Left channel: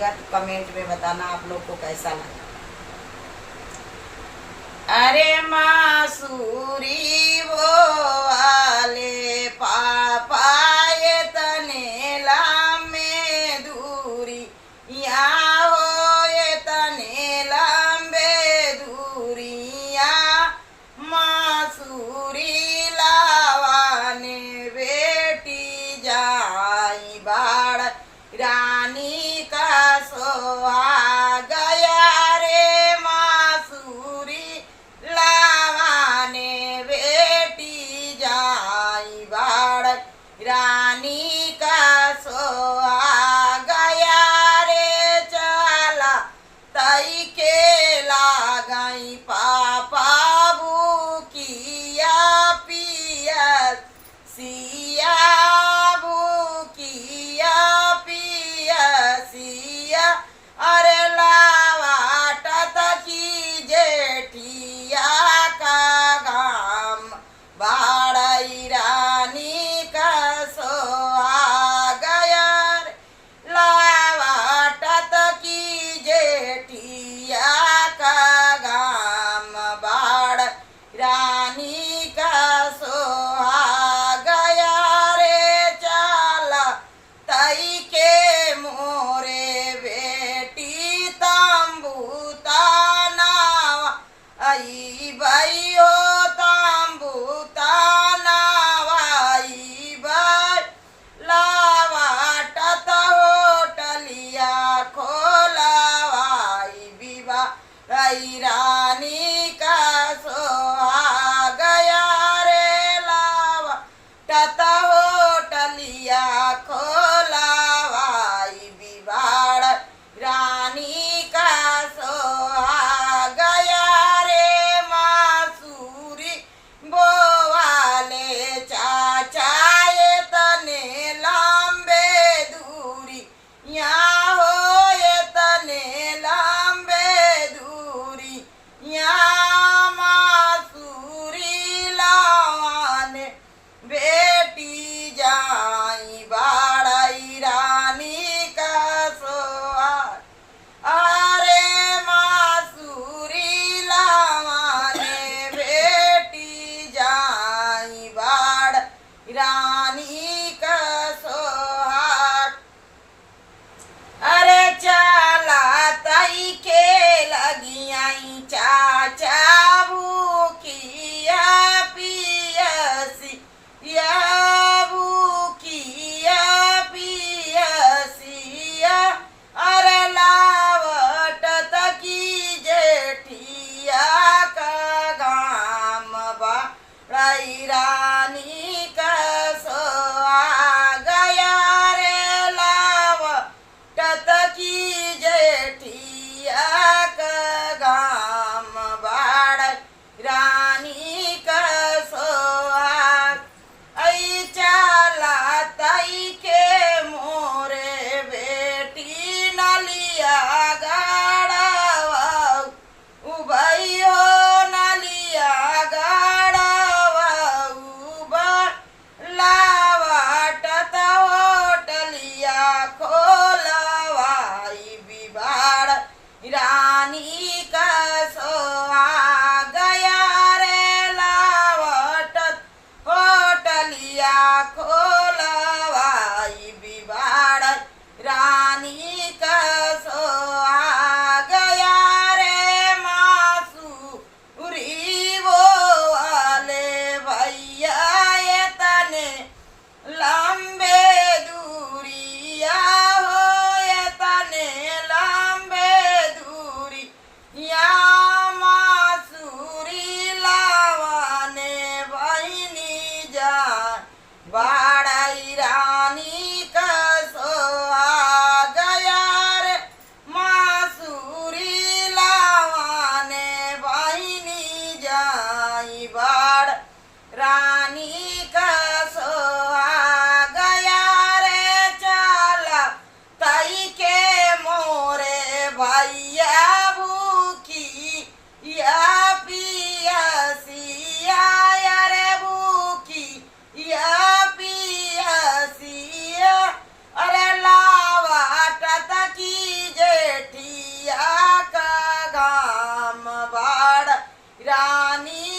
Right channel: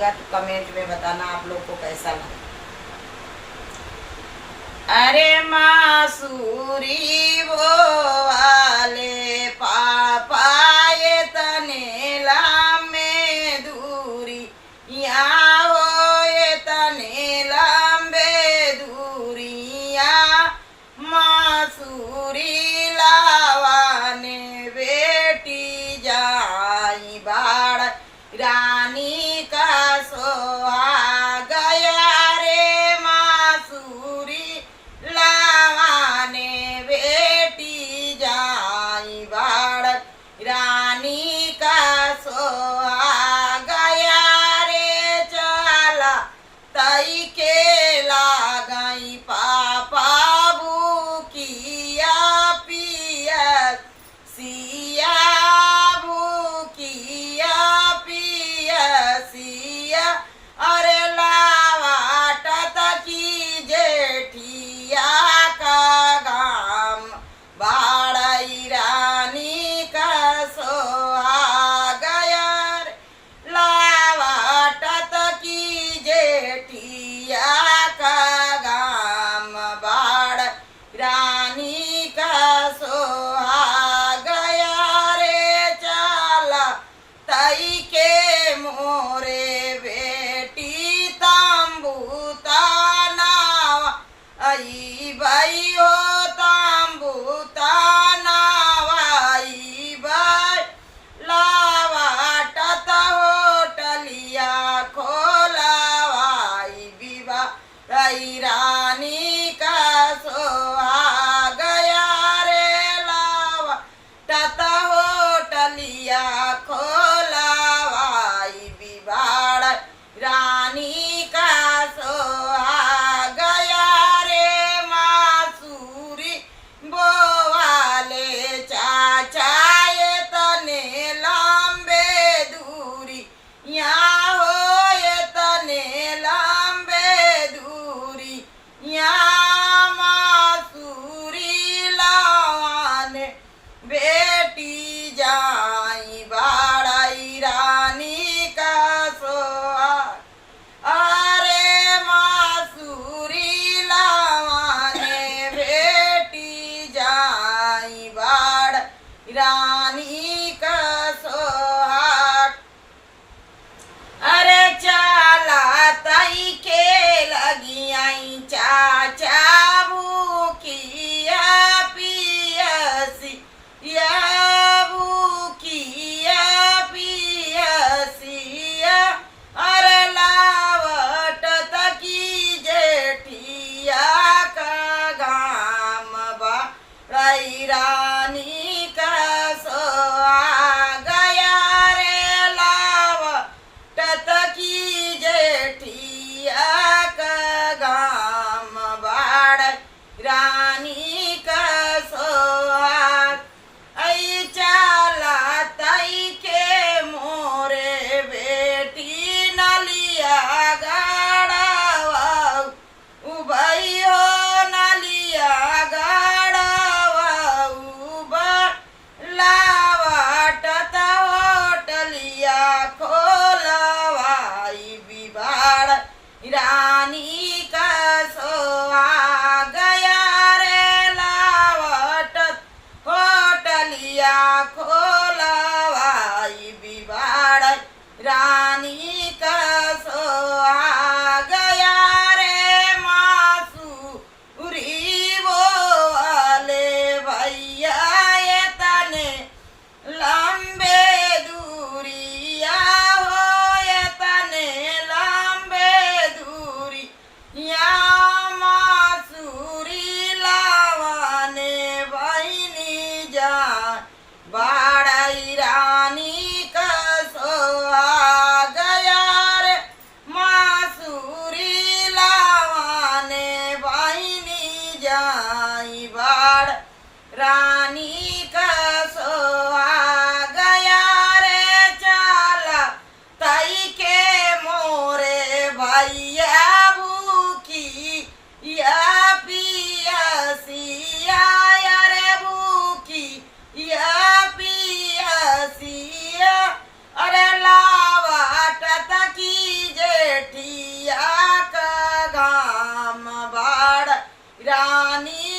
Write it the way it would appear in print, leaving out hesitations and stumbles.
लीजिएगा तो कमेंट में बताना आप लोग को कैसा लगा। अरे मासूरी वो वाले पापा ये तने लंबे दूरी यहाँ हो ये तने लंबे दूरिया मासूरी लावाने बेटी जाई बाड़ रानी का सोहा गया रे मासूरी लावाने बेटी जाई बाड़ रानी का सोहा गया रे चला तई के लागई पापा बुकिया पिया सिया बुकिया पिया सिया अरे लावाट की जेठिया का गाम बाड़ई रानी का सोहा गया रे लावाट की जेठिया का गाम बाड़ रानी का सोहा गया रे चला तई के मोरे बेटी तांबूता नावा आई भाई हो तांबूता नावाई भाई लावाटत होटलिया खोलावाई विवा रई रानी का सोहा गया रे लावा टत होटलिया खोलावाई बिबाड़ रानी का सोहा गया रे मासूरी बोवाले चाचा ये तने लंबे दूरी यहाँ हो ये तने लंबे दूरी यहाँ मासूरी लावाने बेटी जाई बाड़ई रानी का सोहा अरे मासूरी लावाने बेटी जाई बाड़ रानी का सोहा अरे चला तई के लगी आई चाचा बुकिया पियसी या बुकिया पियसिया अरे लावट तकी जेठिया का गाम बाड़ई रानी का सोहा गया रे लावट तकी जेठिया का गाम बाड़ई रानी का सोहा आई चला तई के मोरे बेटी नलिया गाड़ावा उबई हो नलिया गाड़ावा उबा लावाट होटलिया खोलवाई बिबाड़ रानी का सोहा गया रे लावट होटलिया खोलवाई बिबाड़ रानी का सोहा गया रे मासूरी वो वाले भैया ये तने लंबे दूरिया हो ये तने लंबे दूरी या मासूरी लावाने बहिनी जा बाड़ई रानी का सोहा गया रे मासूरी लावाने बहिनी जाई बाड़ रानी का सोहा गया रे चला तई के मोरे भैया भूखी या पियसिया रे भूखी या पियसिया अरे लावा टत की रानी